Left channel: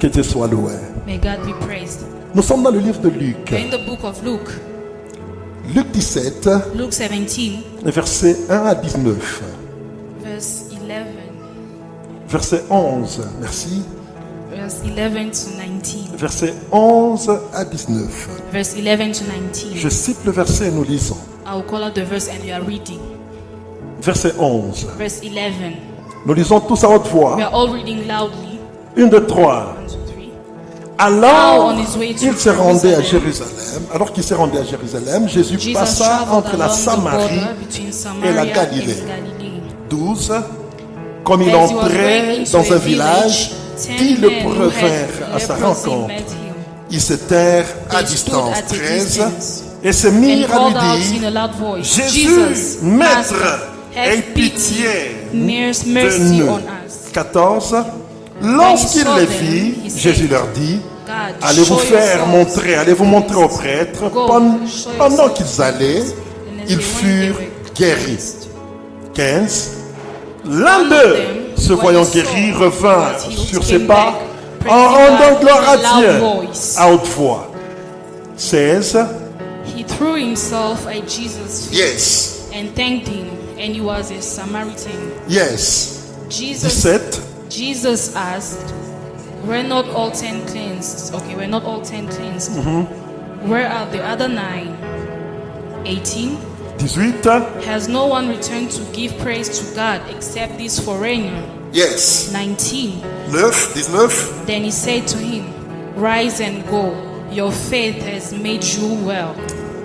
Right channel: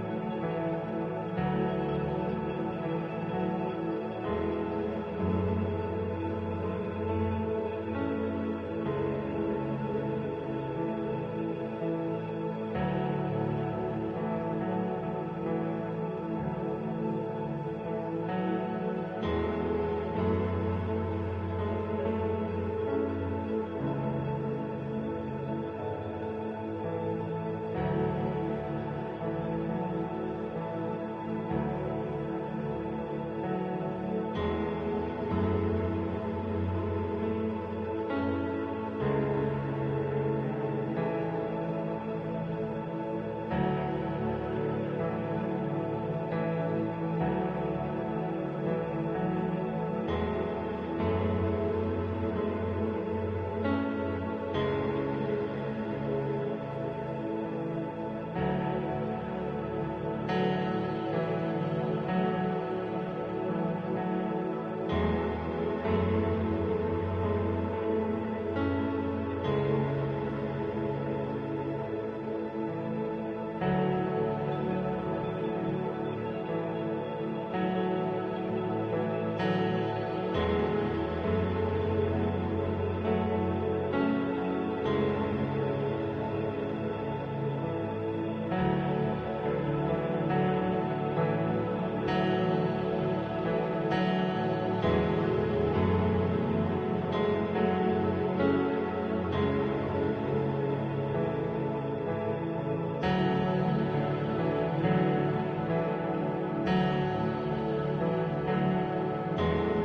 Que Dieu soit loué. May God be praised. Nous sommes dans le livre de Luc. We're in the book of Luke. Luc 17, Luke 17, versets 1 à 19. verse 11. Verset 11, merci. Verse 11 to 19. Verset 11 à 19. Verse 11 to 19. Je cite le verset et nous lisons. I will call out the verse and we are reading. Verset 11. Verse 11. Nous lisons tous à haute We voix. are all reading loudly. 1, 2, 3. 1, 2, 3. Alors, on his way to il se rendait à Jerusalem. Jérusalem. Alors qu'il s'est rendu à Jérusalem, Jésus Jesus passa traveled entre la along the Samarie border between et Samaria la and Galilée. Galilee. 12. Comme il As he was entrait going into dans a un village, 10 10 le men who revinrent had à sa leprosy rencontre. met him. Ils se tinrent à They distance. stood at a 13. distance Et se and mirent à called out lui in a dire: loud voice, Jésus, Jesus, Maître, Master, aie have pitié pity, de mercy nous. on us. 14. Lorsqu'il saw les them, vit, he said, Jésus leur dit: God, allez vous show faire yourselves. montrer, allez vous montrer aux prêtres. Go, show Pendant yourselves. qu'ils allaient, And as ils they furent went, guéris. 15. L'un d'eux, se voyant guéri, revint sur ses pas en rendant gloire à Dieu à haute voix. 16. He threw himself at Jesus' feet Yes. and thanked him, and he was a Samaritan. Yes. Jesus 17. Jesus asked, "Were not all 10 cleansed?" Okay, were not all 10 cleansed? Where are the other 9? 18. 18. Has no one returned to give praise to God except this foreigner? Yes. 19. 19. Then he said to him, "Rise and go. Your faith has made you well."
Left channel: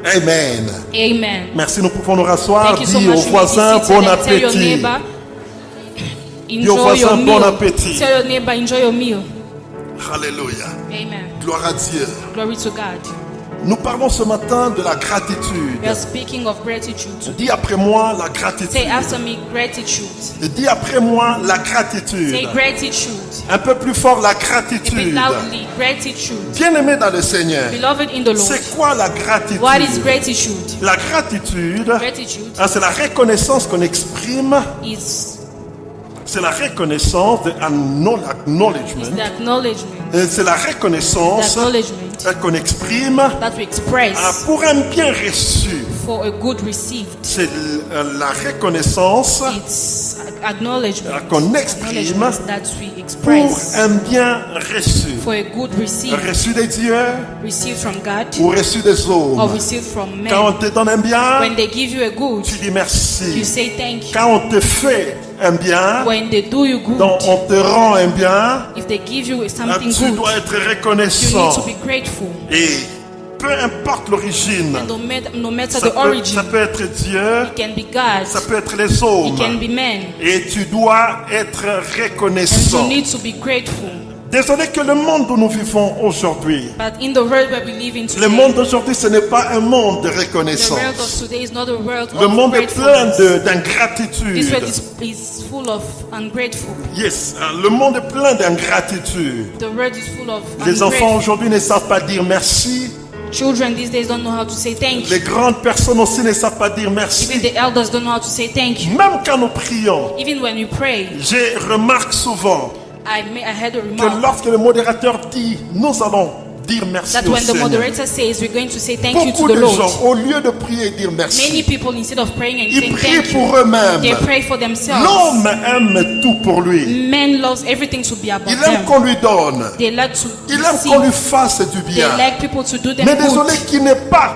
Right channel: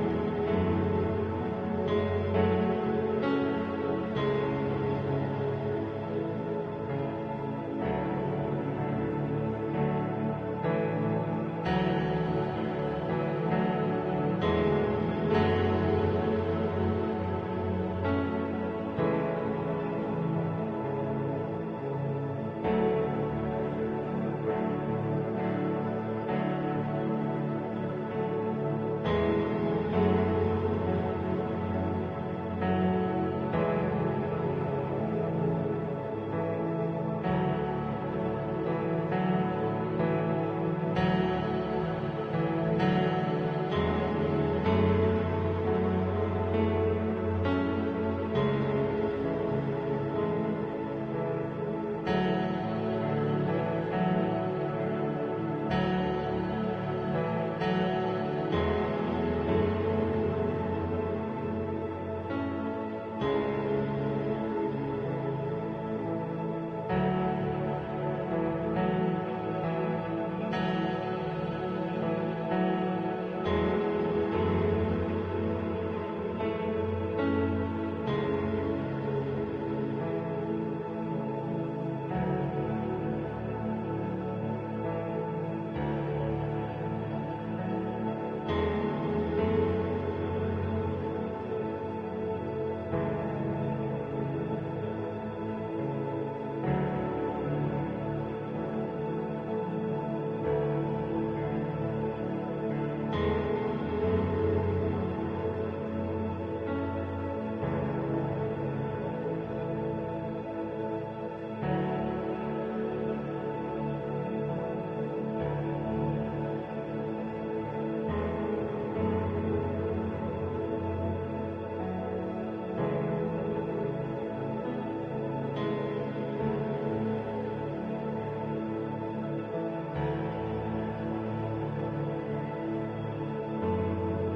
Amen. Amen. Merci, nous pouvons nous rasseoir. Thank you so Dis much. au You may be voisin seated bon and tell your appétit. neighbor, Dis au enjoy voisin your bon meal. appétit. Tell your neighbor, enjoy your meal. Alléluia. Amen. Gloire à Dieu. Glory to God. Nous parlons ce matin de la gratitude. We are speaking of gratitude. Dis après moi la Say gratitude. after me, gratitude. Dis après moi la Say gratitude. gratitude. Un peu plus fort la A bit gratitude. loudly, gratitude. Bien-aimé dans le Seigneur, Beloved in the Lord, c'est quoi la gratitude? what is gratitude? La gratitude, Gratitude c'est la reconnaissance qu'on exprime. is C'est la reconnaissance, the acknowledgement. c'est la reconnaissance qu'on exprime That we express pour un bien reçu. for a good received. C'est la reconnaissance It's acknowledgement qu'on exprime that we pour express un bien reçu. for a good received. Reçu des dieux Received from God ou reçu des or hommes. received from Quand on men. te donne un bien, When they give you a good, tu dis you merci. say thank you. Quand on te fait un bien, When they do you donc good, on te rend un bien, if they give you something tu good, dois être you need reconnaissant. to be grateful. Et peu importe l'origine, And no matter ça the peut origin, être Dieu, it can be God, ça peut être les it hommes. can be men. Et tu dois être And you reconnaissant. need to be grateful. Désolé que le monde où nous vivons aujourd'hui, But in the world where we live in le today, monde d'aujourd'hui, ce n'est pas un monde de the world of reconnaissance. today is not a world Le of monde est plein gratefulness. This d'ingratitude. world is full of ungrateful. Yes, le monde est plein d'ingratitude. The world is full of Les enfants ungrateful. aujourd'hui ne savent pas dire merci. Children these days don't know how to say thank Les you. grandes personnes aussi ne savent pas dire Even merci. the elders don't know how to say thank you. Même quand nous prions, Even when we pray, je remarque souvent I had a que remark lorsque le modérateur dit nous allons dire merci that au when the Seigneur, moderator says we're going to say thank you beaucoup to the de Lord, gens, au lieu de prier et dire many merci, people, instead of praying and ils saying prient thank you, pour eux-mêmes. they pray for themselves. L'homme aime tout pour lui. Men loves everything to be about Il aime them. qu'on lui donne. They like to Il aime qu'on lui receive. fasse du They bien. like people to do them Mais désolé, good. qui n'est pas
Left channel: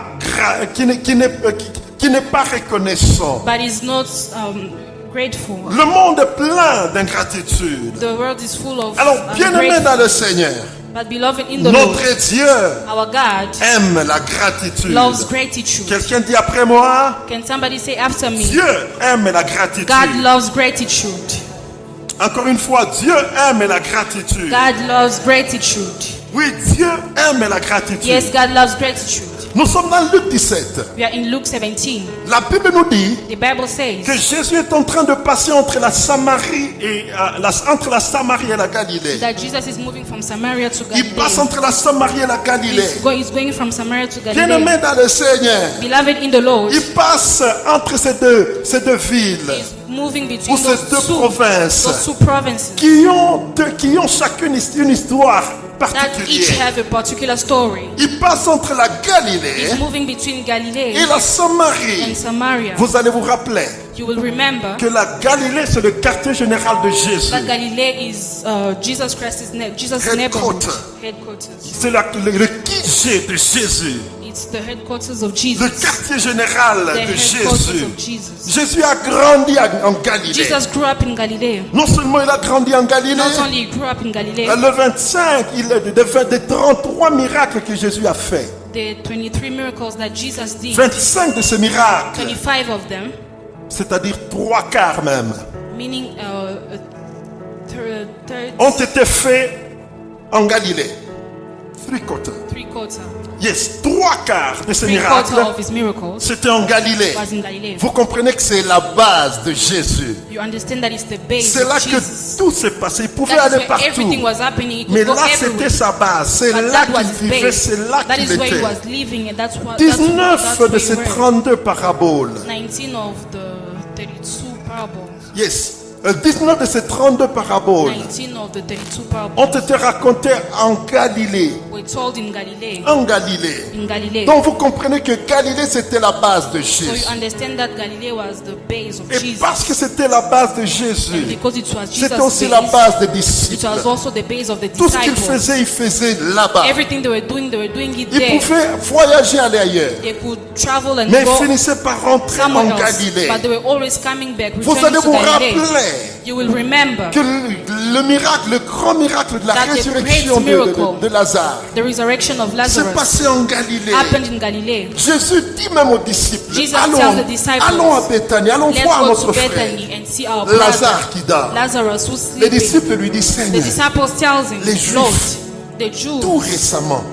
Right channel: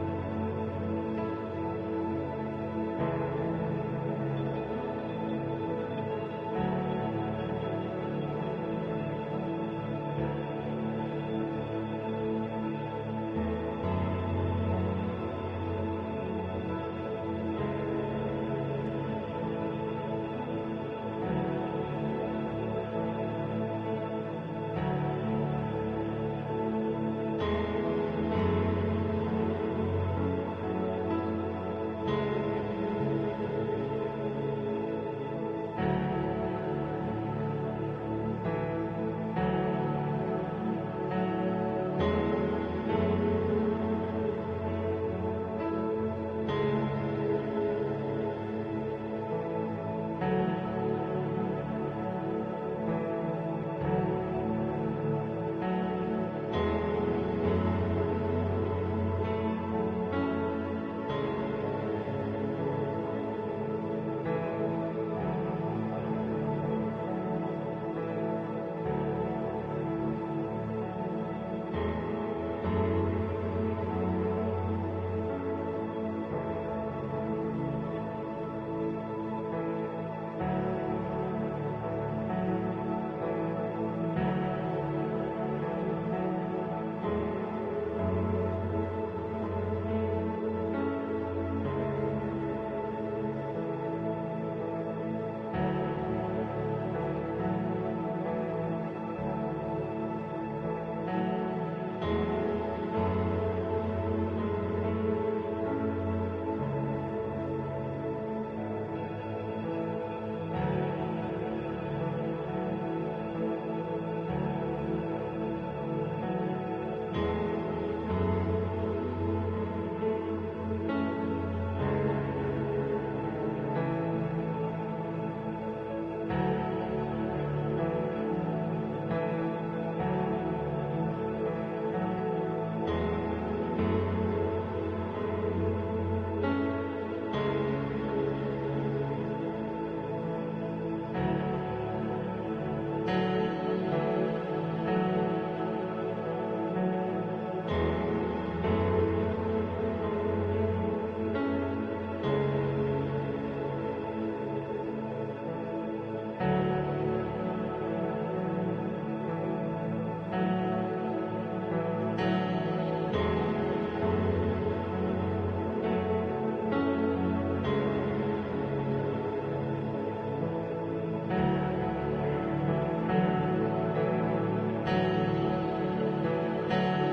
qui n'est pas reconnaissant. But is not grateful. Le monde est plein d'ingratitude. The world is full of Alors, bien-aimé ungrateful. dans le Seigneur, But beloved in the Lord, notre Dieu our God aime la gratitude. loves gratitude. Quelqu'un dit après moi, Can somebody say after me? Dieu aime la gratitude. God loves gratitude. Encore une fois, Dieu aime la gratitude. God loves gratitude. Oui, Dieu aime la gratitude. Yes, God loves gratitude. Nous sommes dans Luc 17, We are in Luke 17, La Bible nous dit The Bible que says Jésus est en train de passer entre la Samarie et entre la Samarie et la Galilée. that Jesus is moving from Samaria to Il passe Galilee. entre la Samarie et la Galilée. He's going from Samaria to Bien-aimé Galilee. dans le Seigneur, Beloved in the Lord, il passe entre ces deux villes he's moving ou between ces deux those provinces two provinces qui ont chacune une histoire that each particulière. have a particular story. Il passe entre la Galilée He's moving between Galilee et la Samarie. and Samaria. Vous allez vous rappeler You will remember que la Galilée, c'est le quartier général de Jésus. that Galilee is Jesus Christ's Jesus' neighborhood headquarters. C'est le QG de Jésus, It's the headquarters of le Jesus. quartier général The de headquarters Jésus. of Jesus. Jésus a grandi en Galilée. Jesus grew up in Galilee. Non seulement il a grandi en Galilée, Not only he grew up in Galilee, le 25, il est des 33 miracles que Jésus a fait. the 23 miracles that Jesus did, 25 de ces miracles, 25 of them, c'est-à-dire 3/4 même, meaning ont été faits en Galilée. Three-quarters. three-quarter Yes, 3/4 de ces miracles, of his miracles c'était en Galilée. was in Galilee. Vous comprenez que c'est la base de Jésus. You understand that it's the base C'est là of que Jesus. tout s'est passé. Il pouvait That is aller where partout. everything was happening. He could Mais go là, c'était everywhere. sa base. C'est But là that was qu'il his vivait. base. C'est là That qu'il is where he était. was living, and that's what 19 de ces he read. 32 paraboles. 19 of the 32 parables. Yes. 19 de ces 32 paraboles 19 of the 32 parables ont été racontées en Galilée. were told in Galilee. En Galilée. In Galilee. Donc vous comprenez que Galilée c'était la base de So you Jésus. understand that Galilee was the base of Et Jesus. parce que c'était la base de Jésus, Because it was c'était Jesus' aussi la base, base des it disciples. was also the base of the Tout ce qu'ils disciples. faisaient, ils faisaient là-bas. Everything they were doing it Ils there. pouvaient voyager, aller ailleurs. They could travel and Mais ils go finissaient par rentrer en somewhere else, Galilée. but they were always coming back, Vous returning allez to vous Galilee. rappeler You will remember que le miracle, le grand miracle de la That the résurrection great miracle de Lazare the resurrection of s'est Lazarus passé en Galilée. happened in Galilee. Jésus dit même aux disciples, Jesus tells the disciples, allons à Bethanie, allons Let's voir go notre to frère. Bethany and see our brother Lazare qui dort. Lazarus who's Les sleeping. disciples lui disent, The Seigneur, disciples tells him, Les Juifs, Lord, the Jews tout récemment,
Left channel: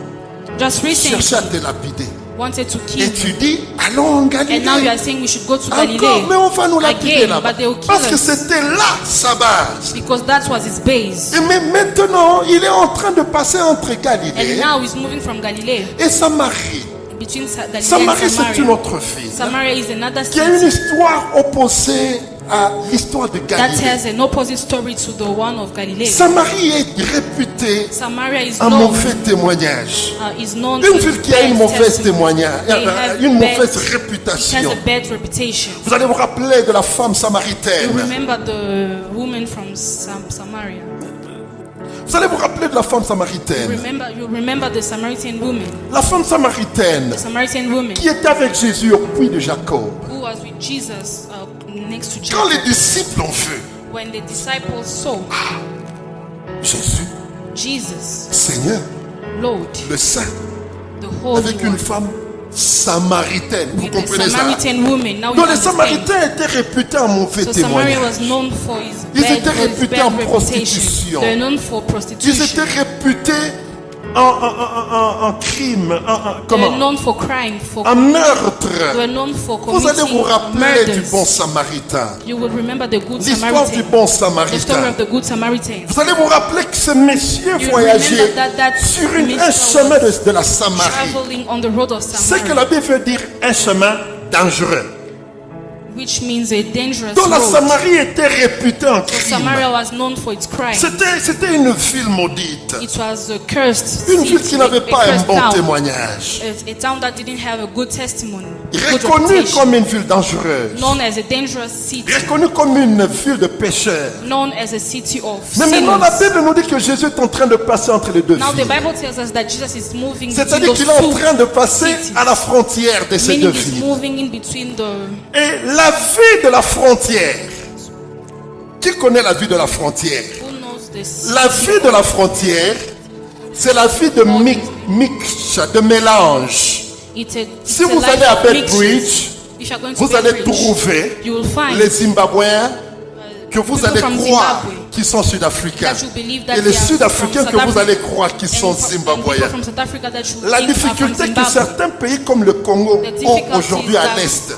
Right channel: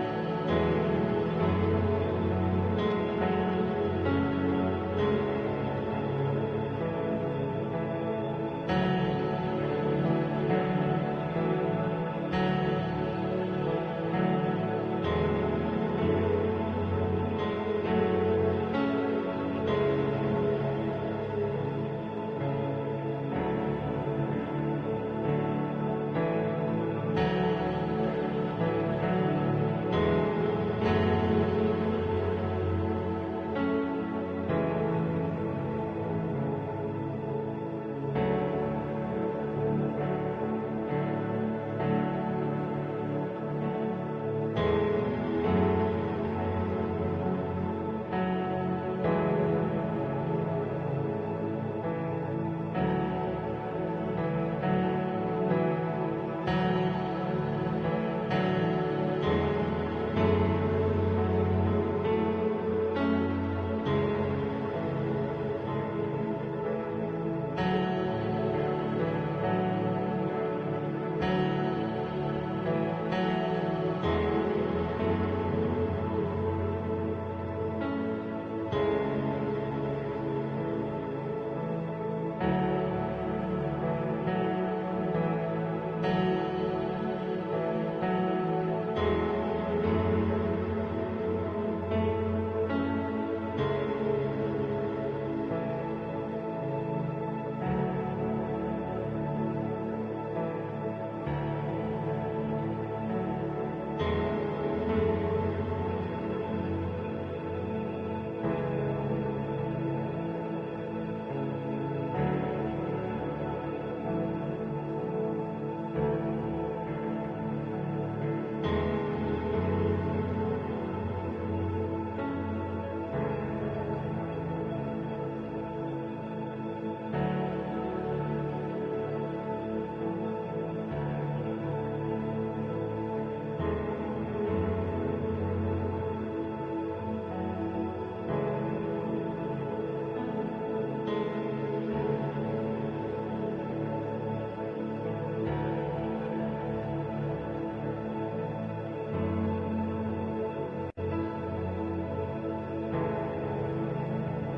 just recently cherchaient à te lapider. wanted to Et kill tu him. dis, allons en Galilée. And now you are saying we should go to Encore, Galilee. mais on va nous lapider Again, là-bas. but they will kill Parce que us. c'était là sa base. Because that was his base. Et mais maintenant, il est en train de passer entre And Galilée now he's moving from Galilee et Samarie. between Galilee Samarie, and c'est une Samaria. autre ville Samaria is another qui a une city histoire opposée à l'histoire de that Galilée. has an opposite story to the one of Galilee. Samarie est réputée Samaria is un known, mauvais témoignage. is known Une to ville qui a une bad mauvaise testimony. témoignage, They have une bad- mauvaise It has réputation. a bad reputation. Vous allez vous rappeler de la femme You samaritaine. remember the woman from Samaria. Vous allez vous rappeler de la femme samaritaine. You remember the Samaritan woman. La femme samaritaine The Samaritan woman qui était avec Jésus au puits de Jacob. who was with Jesus next to Quand Jesus. les disciples ont vu When the disciples saw Jésus, Jesus, Seigneur, Lord, le Saint, the Holy avec une One, femme samaritaine. Vous with the comprenez ça? Samaritan woman. Now you Donc les understand. Samaritains étaient réputés en mauvais So Samaria témoignage. was known for his Ils bad, étaient his réputés bad en reputation. prostitution. They're known for Ils prostitution. étaient réputés en crime, They're known for crime, for en meurtre. They were known for Vous allez vous committing rappeler du murders. bon Samaritain. You will remember the good L'histoire du Samaritan. bon The story Samaritain. of the good Samaritan. Vous allez vous rappeler que ce monsieur You voyageait remember that sur un minister chemin de la Samarie. traveling on the road of C'est que Samaria, la Bible veut dire un chemin dangereux. which means a dangerous Donc la road. Samarie était réputée en So crime. Samaria was known for its crime. C'était une ville maudite. It was a cursed Une ville city, qui n'avait a pas un cursed bon town. témoignage. A town that didn't have a good testimony, good Reconnue reputation. comme une ville dangereuse. Known as a dangerous city, Reconnue comme une ville de pécheurs. known as a city of Mais maintenant la sinners. Bible nous dit que Jésus est en train de passer entre les deux Now the villes. Bible tells us that Jesus is moving between C'est-à-dire those qu'il est en two train de passer cities. à la frontière de ces deux Meaning he's villes. moving in between the... Et la vie de la frontière. Qui connaît la vie de la frontière? Who knows this? La vie de la frontière, c'est la vie de mix, de mélange. Si vous allez à Bedbridge, vous allez trouver you will find les Zimbabwéens que vous people allez from croire Zimbabwe qui sont sud-africains that you believe that et les they are sud-africains from que South vous allez Africa. croire qui sont and people zimbabwéens. from South Africa that you La think are from difficulté que Zimbabwe. certains pays comme le Congo The ont difficulty aujourd'hui à that l'Est,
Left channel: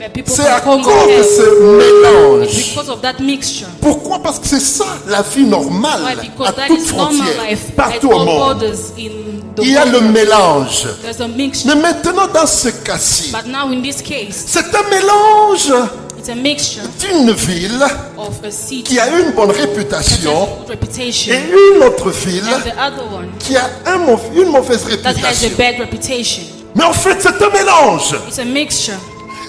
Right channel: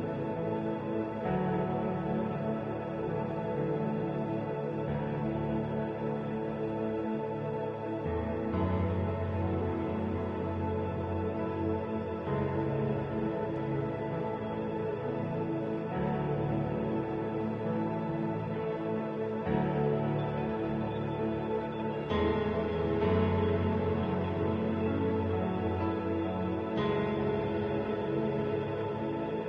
where people C'est à from cause Congo de have. ce mélange. It's because of that mixture. Pourquoi? Parce que c'est ça la vie normale Why? à Because that toute is normal frontière, life at partout au all monde. borders in the Il y a le world. mélange. There's a mixture. Mais maintenant, dans ce cas-ci, But now in this case, c'est un mélange it's a mixture d'une ville of a city qui a une bonne that has a réputation good reputation et une autre ville and the other one qui a une mauvaise that has a réputation. bad reputation. Mais en fait, c'est un mélange. It's a mixture.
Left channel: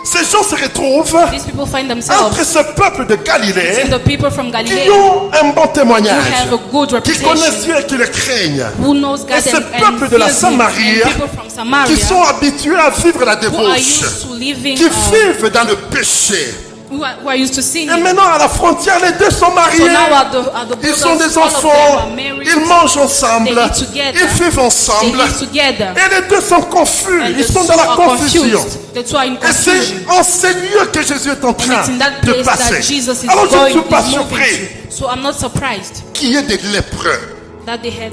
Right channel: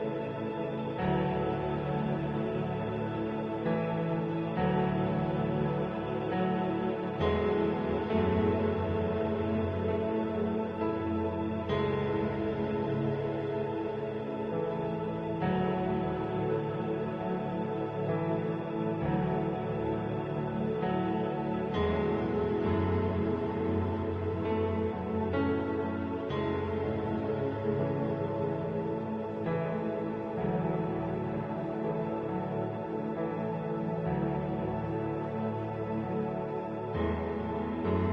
Ces gens se retrouvent These people find entre themselves ce peuple de Galilée in the people from qui Galilee ont un bon who témoignage, have a good qui connaissent reputation, Dieu et qui le craignent, who knows God et ce and peuple de la fears Him, Samarie and people from qui Samaria sont habitués à vivre la who are débauche, used to living, qui vivent dans le péché. who are used to Et sinning. maintenant, à la frontière, les deux sont So mariés. now at the Ils sont borders, des all of them enfants. are married. Ils mangent ensemble. They eat together. Ils vivent They ensemble. live together. Et les deux sont confus. And Ils the sont two dans la are confusion. confused. The two are in Et c'est confusion. en ce lieu que Jésus est en train It's in that de place that passer. Jesus is Alors je ne going, suis pas is moving surpris to. So I'm not surprised qu'il y ait des lépreux. that they had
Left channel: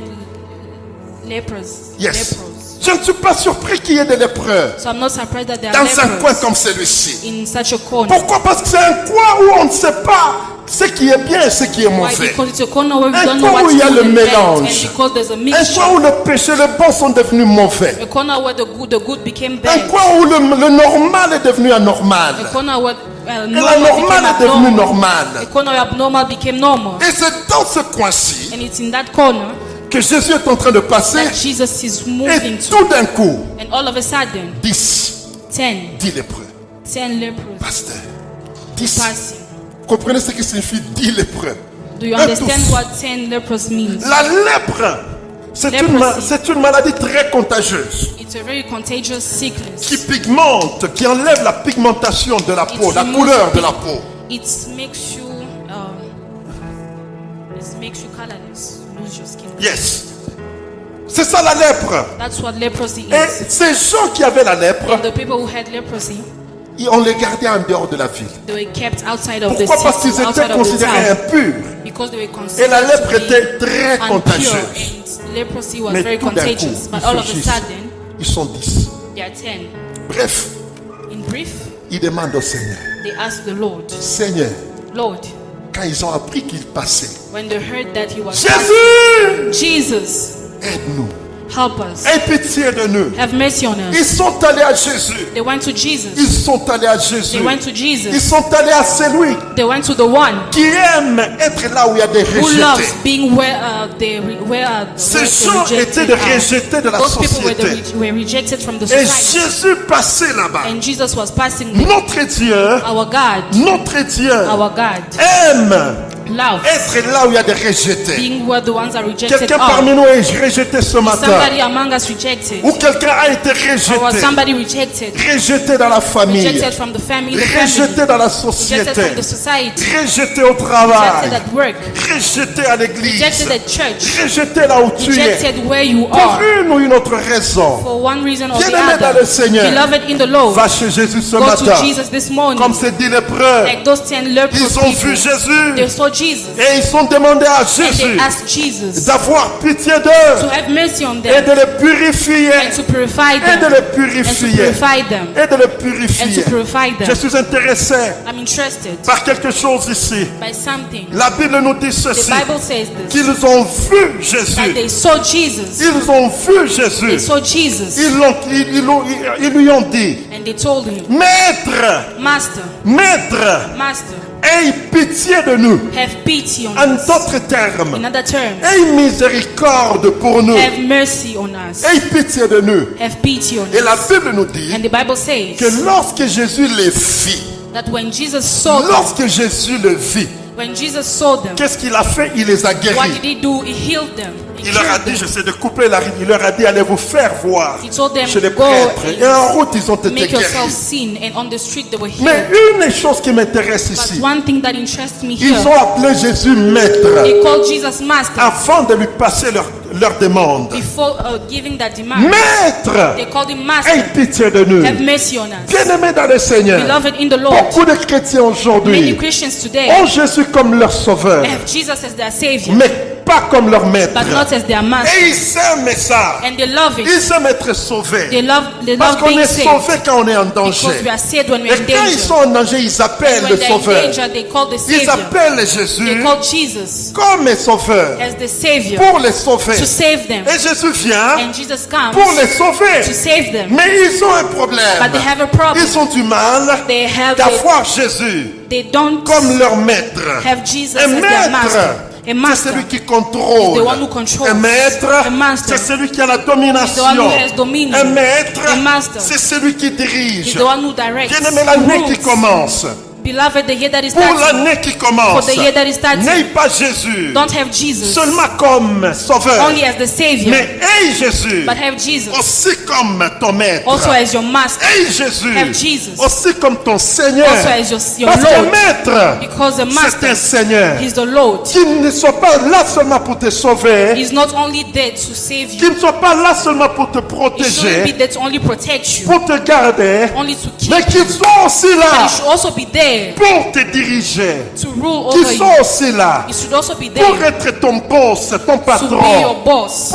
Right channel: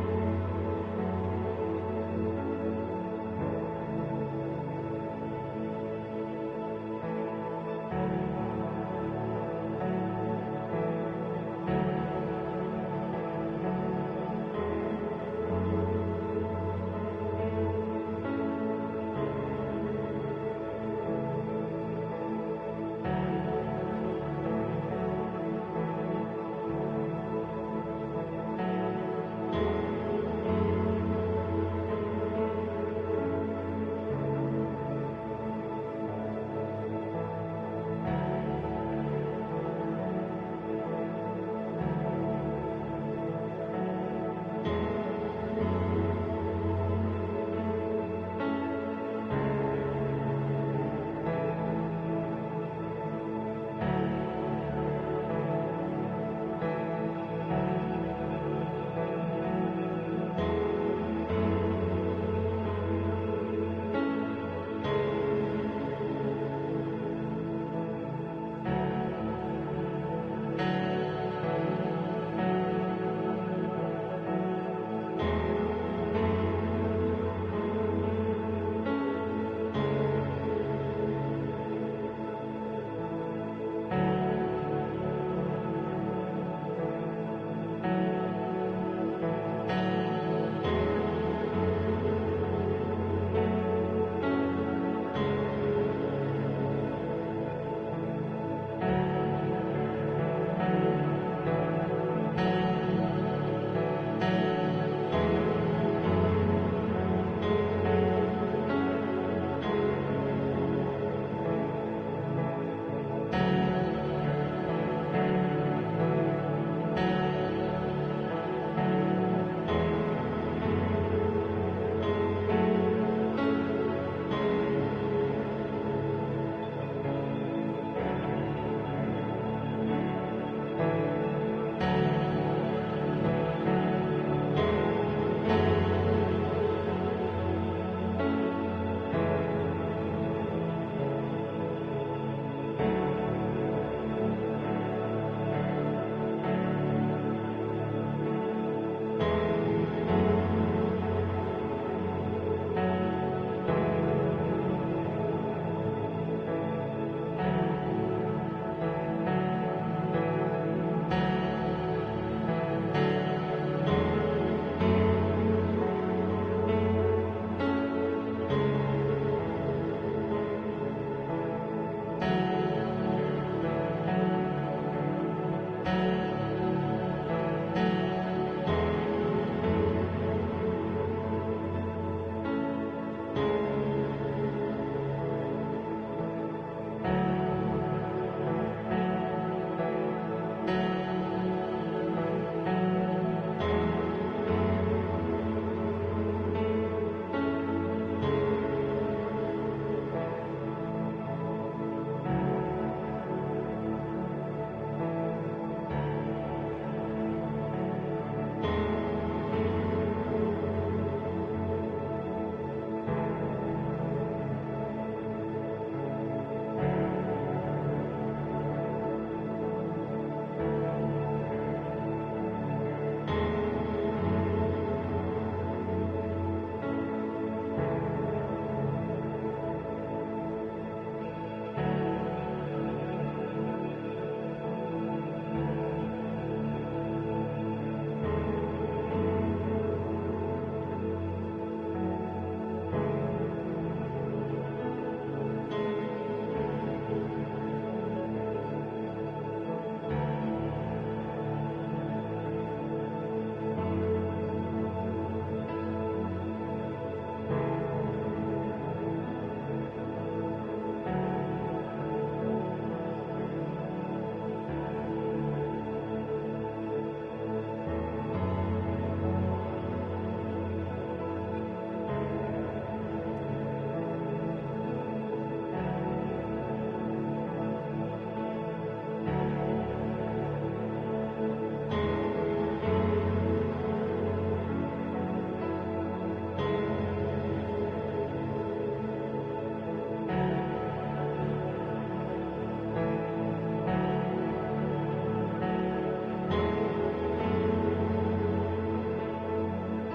lepers. Yes. Lepers. Je ne suis pas surpris qu'il y ait des lépreux So I'm not surprised that there dans are un coin lepers comme celui-ci. in such a corner. Pourquoi? Parce que c'est un coin où on ne sait pas ce qui est bien et ce qui est Why? mauvais. Because it's a corner where we Un don't know coin où what's il y a good le and bad, mélange. and because there's a Un mixture. coin où le péché et le bon sont devenus mauvais. A corner where the good became Un bad. coin où le normal est devenu anormal. A corner where Et la normal became normale est devenue abnormal. normale. A corner where abnormal became normal. Et c'est dans ce coin-ci And it's in that corner que Jésus est en train de passer. that Jesus is Et moving to. tout d'un coup, And all of a sudden, 10 lépreux. 10 lepers Pasteur, 10. passing. Vous comprenez ce que signifie 10 lépreux? Do you Un understand tous. what 10 lepers means? La lèpre, c'est une maladie très contagieuse It's a very contagious sickness. qui pigmente, qui enlève la pigmentation de la peau, la removes couleur de pig- la peau. It makes you colorless. Lose your skin. Yes. C'est ça la lèpre. That's what leprosy Et is. ces gens qui avaient la lèpre, And the people who had leprosy, on les gardait en dehors de la ville. they were kept outside of the Pourquoi? Parce city, qu'ils outside étaient of the considérés town, impurs. because they were Et considered la lèpre to be était très impure, contagieuse. and leprosy was Mais very tout d'un coup, contagious. But ils all of a surgissent. sudden, Ils sont 10. there are 10. Bref, In brief, ils demandent au Seigneur, they asked the Lord, Seigneur, Lord, quand ils ont appris qu'il passait, when they heard that he was Jésus, Jesus, aide-nous, help us, aie pitié de nous. have mercy on Ils us. sont allés à Jésus. They went to Jesus. Ils sont allés à Jésus. They went to Ils Jesus. sont allés à celui They went to the one qui aime être là où il y a des who loves rejetés. being where Ces gens étaient des rejetés de la Those people were, société. were rejected from the Et society. Jésus passait là-bas. And Jesus was passing there. Notre Dieu, Our God, notre Dieu our God, aime loves être là où il y a des rejetés. being where the ones are rejected Quelqu'un are. parmi nous est rejeté ce matin. Somebody among us rejected. Ou quelqu'un a été Or was rejeté. somebody rejected. Rejeté dans la famille. Rejected from the family. Rejeté dans la Rejected société. from the society. Rejeté au Rejected travail. at work. Rejeté à l'église. Rejected at church. Rejeté là où tu es. Rejected where you Pour are. une ou une autre raison. For one reason or the Bien-aimé dans le other. Seigneur. Beloved in the Lord. Va chez Jésus ce Go to matin. Jesus this morning. Comme c'est dit lépreux. Like those 10 lepers Ils ont vu people. Jésus. They saw Jesus. Et ils ont demandé à And Jésus they asked Jesus d'avoir pitié to d'eux. have mercy on Et them. de les purifier. And to purify Et de them. les And to purifier. purify them. Et de les And to purifier. purify Je them. suis intéressé I'm interested par quelque chose ici. by something. La Bible nous dit The ceci. Bible says this. Qu'ils ont vu That Jésus. they saw Jesus. Ils ont vu They Jésus. saw Jesus. Ils lui ont dit, And they told him, Maître, Master, Maître, Master, aie pitié de nous. have pity on En us. d'autres termes, In other terms, aie miséricorde pour nous. have mercy on us. Aie pitié de nous. Have pity on Et la us. Bible nous dit And the Bible says que lorsque Jésus les vit, that when Jesus saw them, lorsque Jésus le vit, when Jesus saw them, qu'est-ce qu'il a fait? Il les a what guéris. did he do? He healed them. He Il leur a cured dit, them. j'essaie de couper la rime, il leur a dit, allez vous faire voir He told them, chez les go prêtres. Et en route, ils ont été Make yourself guéris. seen, and on the street they were Mais healed. une des choses qui m'intéresse But ici, one thing that interests me ils here, ont appelé Jésus maître they called Jesus Master avant de lui passer leur demande. before giving that demand. Maître, They called him aie Master. pitié de nous. Have mercy on us. Bien-aimés dans le Seigneur, Beloved in the Lord, beaucoup de chrétiens many aujourd'hui Christians today ont Jésus comme leur sauveur. have Jesus as their Savior. Mais pas comme leur maître. but not as their master. Et ils aiment ça. And they love it. Ils aiment être sauvés. They love Parce qu'on being est saved. sauvé quand on est en danger. Because we are saved when we Et are in quand ils danger. sont en danger, ils appellent When le they're in sauveur. danger, they call the Ils Savior. appellent They Jésus call Jesus comme les sauveurs as the Savior pour les sauver. to save them. Et Jésus vient And Jesus comes pour les to sauver. save them. Mais ils ont un problème. But they have a problem. Ils ont du mal d'avoir Jésus They don't comme leur maître. have Jesus Un as their master. maître, A c'est master celui qui is the contrôle. one who controls. Un maître, A master c'est celui qui a la is the one domination. who has dominion. Un maître, A master c'est celui qui is dirige. the one who directs. Bien-aimé, l'année qui rules. commence, Beloved, the year that is pour starting, l'année qui commence, for the year that is starting, n'aie pas Jésus don't have Jesus seulement comme sauveur, only as the Savior, mais aie Jésus but have Jesus aussi comme ton maître. also as your master, Aie Jésus have Jesus aussi comme ton Seigneur. also as your Parce qu'un Lord, maître, because the c'est master un Seigneur is the Lord. qui ne soit pas là seulement pour te sauver, He's not only there to save qui you, ne soit pas là seulement pour te he shouldn't be protéger, there to only protect you, pour te garder, only to keep mais you, qui soit aussi but là he should also be there pour te diriger, to rule qui over soit you. aussi là He should also be pour there être ton boss, ton to be patron, your boss,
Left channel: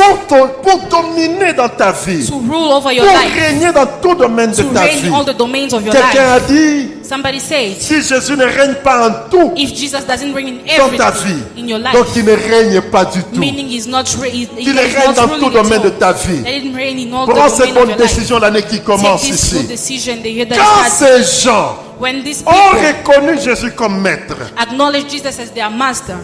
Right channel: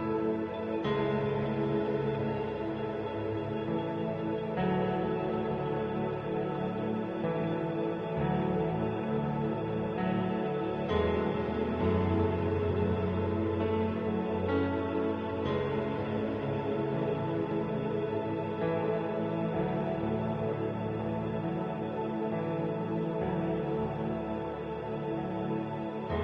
pour dominer dans ta vie, to rule over your pour life, régner dans tout domaine de to ta reign vie. in all the domains of your Quelqu'un life. a dit, Somebody said, si Jésus ne règne pas en tout if Jesus doesn't reign in dans ta everything vie, in your life, donc il ne règne pas du tout. meaning he's not he Il is règne not dans ruling tout at domaine de all. ta vie. Let him reign in all the Prends cette domain of bonne your life. décision l'année qui Take commence this ici. good decision the year that Quand is starting. ces gens When these ont people reconnu Jésus comme maître, acknowledge Jesus as their master,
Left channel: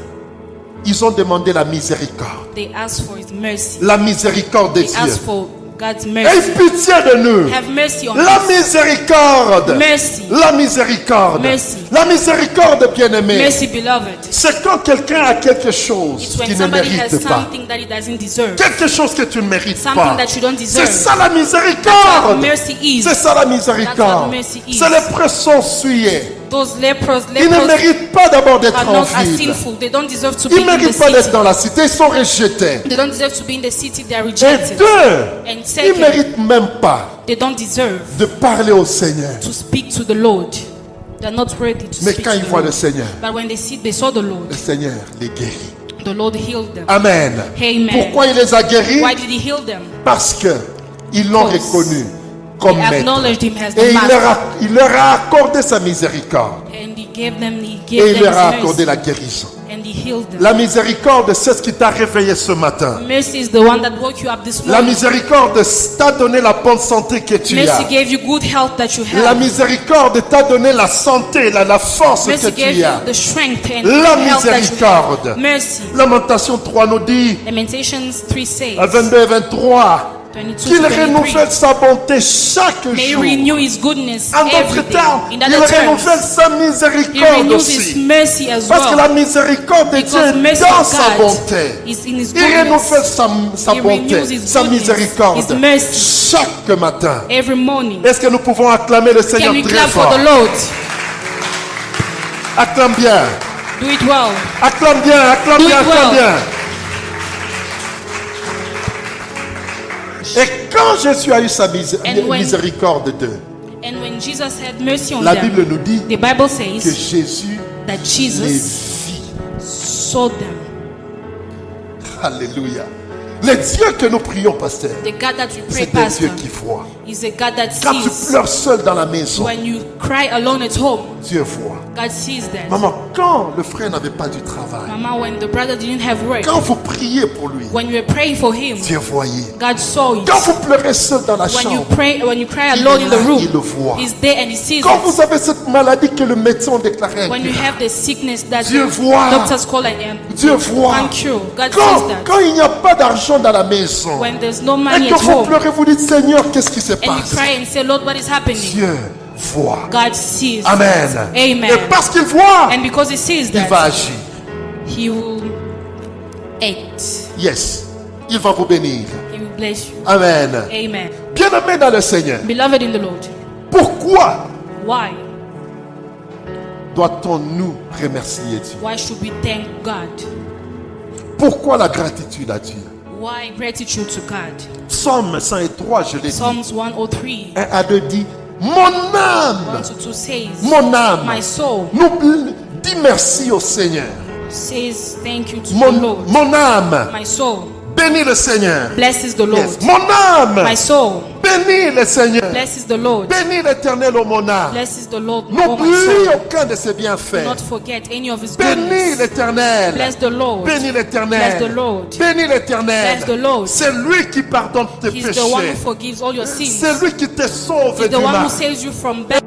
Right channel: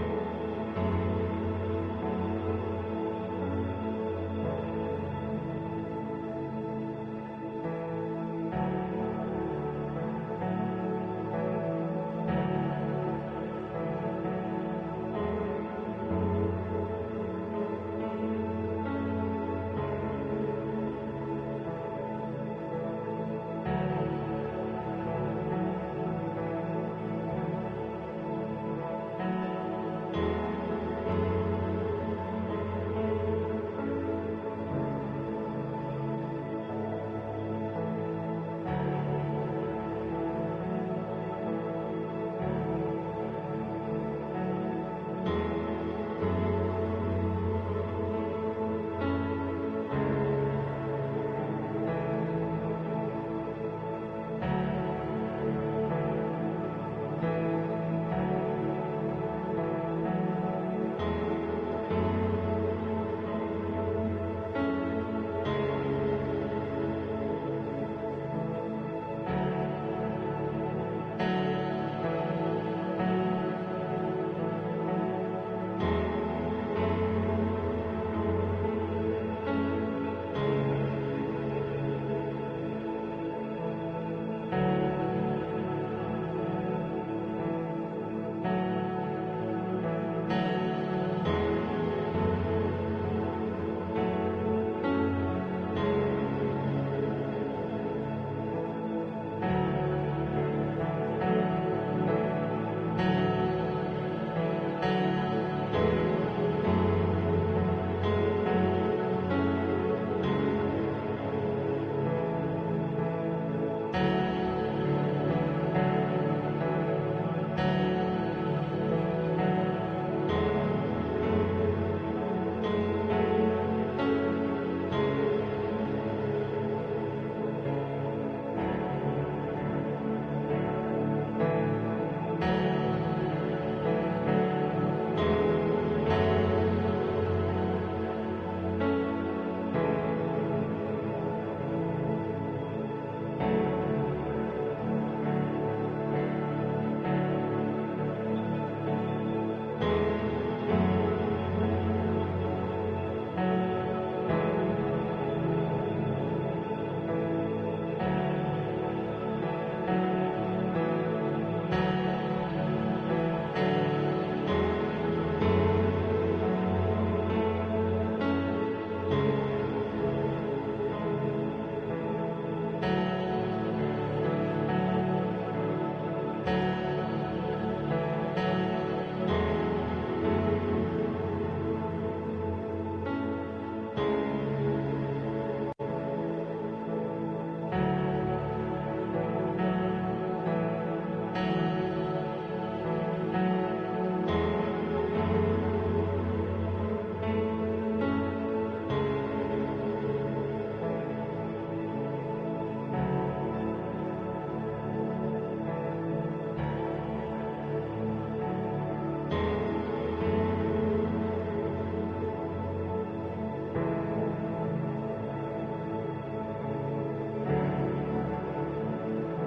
ils ont demandé la miséricorde. they ask for his mercy. La miséricorde de They Dieu. ask for God's Aie mercy. pitié de nous. Have mercy on La us. miséricorde. Mercy. La miséricorde. Mercy. La miséricorde, bien-aimé. Mercy, beloved. C'est quand quelqu'un a quelque chose It's qu'il when ne somebody has mérite pas. something that he doesn't deserve. Quelque chose que tu ne mérites Something pas. that you don't C'est deserve. ça la That's what miséricorde. mercy is. C'est ça la That's miséricorde. what mercy is. C'est les pressons souillés. Those lepers Ils ne méritent pas d'abord d'être are en not as ville. sinful. They don't deserve to be Ils ne in the méritent pas d'être city. dans la cité. Ils sont rejetés. They don't deserve to be in the city. They are Et rejected. deux, And ils ne second, méritent même pas they don't deserve de parler au Seigneur. to speak to the Lord. They're not ready to Mais speak quand to ils the voient le Lord. Seigneur, But when they saw the Lord, le Seigneur les guérit. the Lord healed them. Amen. Amen. Pourquoi il les a guéris? Why did he heal them? Parce que ils l'ont Because reconnu comme They maître. acknowledged him as Et the master. il leur a accordé sa miséricorde. And he gave them Et il leur a his accordé mercy. la guérison. And he healed them. La miséricorde, c'est ce qui t'a réveillé ce matin. Mercy is the one that woke you up this La morning. miséricorde t'a donné la bonne santé que tu Mercy as. gave you good health that you La have. miséricorde t'a donné la santé, la force que Mercy gave tu you as. the strength and La health that you miséricorde. have. Mercy. Lamentation 3 nous dit, Lamentations 3 says, à 22 et 23, 22 qu'il to 23, renouvelle sa bonté chaque may he jour. renew his goodness En every d'autres day. termes, In il other terms, renouvelle sa he miséricorde renews his aussi. mercy as Parce que well. la miséricorde de Dieu Because est mercy dans of sa God bonté. is in his Il renouvelle goodness. sa He bonté, renews his sa goodness, miséricorde his mercy. chaque matin. Every morning. Est-ce que nous pouvons acclamer le Seigneur Can we très clap for fort? the Lord? Acclame bien, Do it well. acclame bien, acclame Do bien, it acclame well. bien. Et quand Jésus a eu sa And when- miséricorde d'eux, And when Jesus had mercy on la them, Bible nous dit the Bible que says Jésus that les Jesus vit. saw them. Alléluia. Le Dieu que nous prions, pasteur, The God that we pray, c'est un Pastor, Dieu qui voit. is a God that Quand tu sees. pleures seul dans la maison, When you cry alone at home, Dieu voit. God sees that. Maman, quand le frère n'avait pas du travail, Mama, when the brother didn't have work, quand vous priez pour lui, when you were praying for him, Dieu voyait. God saw it. Quand vous pleurez seul dans la When you chambre, pray, when you cry il alone est in là, the room, il le voit. He's there and He sees Quand it. vous avez cette maladie que le médecin a déclaré, When you have the sickness that Dieu the voit. doctors call an Dieu voit. uncure, God Quand, sees that. quand il n'y a pas d'argent dans la maison, When there's no et money que at vous home, pleurez, vous dites Seigneur, qu'est-ce qui se and you passe? cry and say, Lord, what is happening? Dieu voit. God sees. Amen. Amen. Et parce qu'il voit, And because He sees il va that, agir. He will act. Yes. Il va vous bénir. He will bless you. Amen. Amen. Bien-aimé dans le Seigneur, Beloved in the Lord, pourquoi why? doit-on nous remercier Dieu? Why should we thank God? Pourquoi la gratitude à Dieu? Why gratitude to God? Psaume 103, je l'ai dit. Psalms 103, 1 à 2 dit, mon âme, 1 to 2 says, mon âme, My soul, nous dis merci au Seigneur. says thank you to the Lord. Mon âme, My soul bénis le Seigneur. blesses the Lord. Yes. Mon âme, My soul bénis le Seigneur. blesses the Lord. Bénis l'Éternel, ô mon âme. Blesses the Lord, oh my N'oublie soul. aucun de ses Do bienfaits. not forget any of his Bénis goodness. l'Éternel. Bless the Lord. Bénis Bless l'Éternel. the Lord. Bénis l'Éternel. Bless the Lord. C'est lui qui pardonne tes He's the one who péchés. forgives all your sins. C'est lui qui te sauve He's du the one who mal. saves you from bad.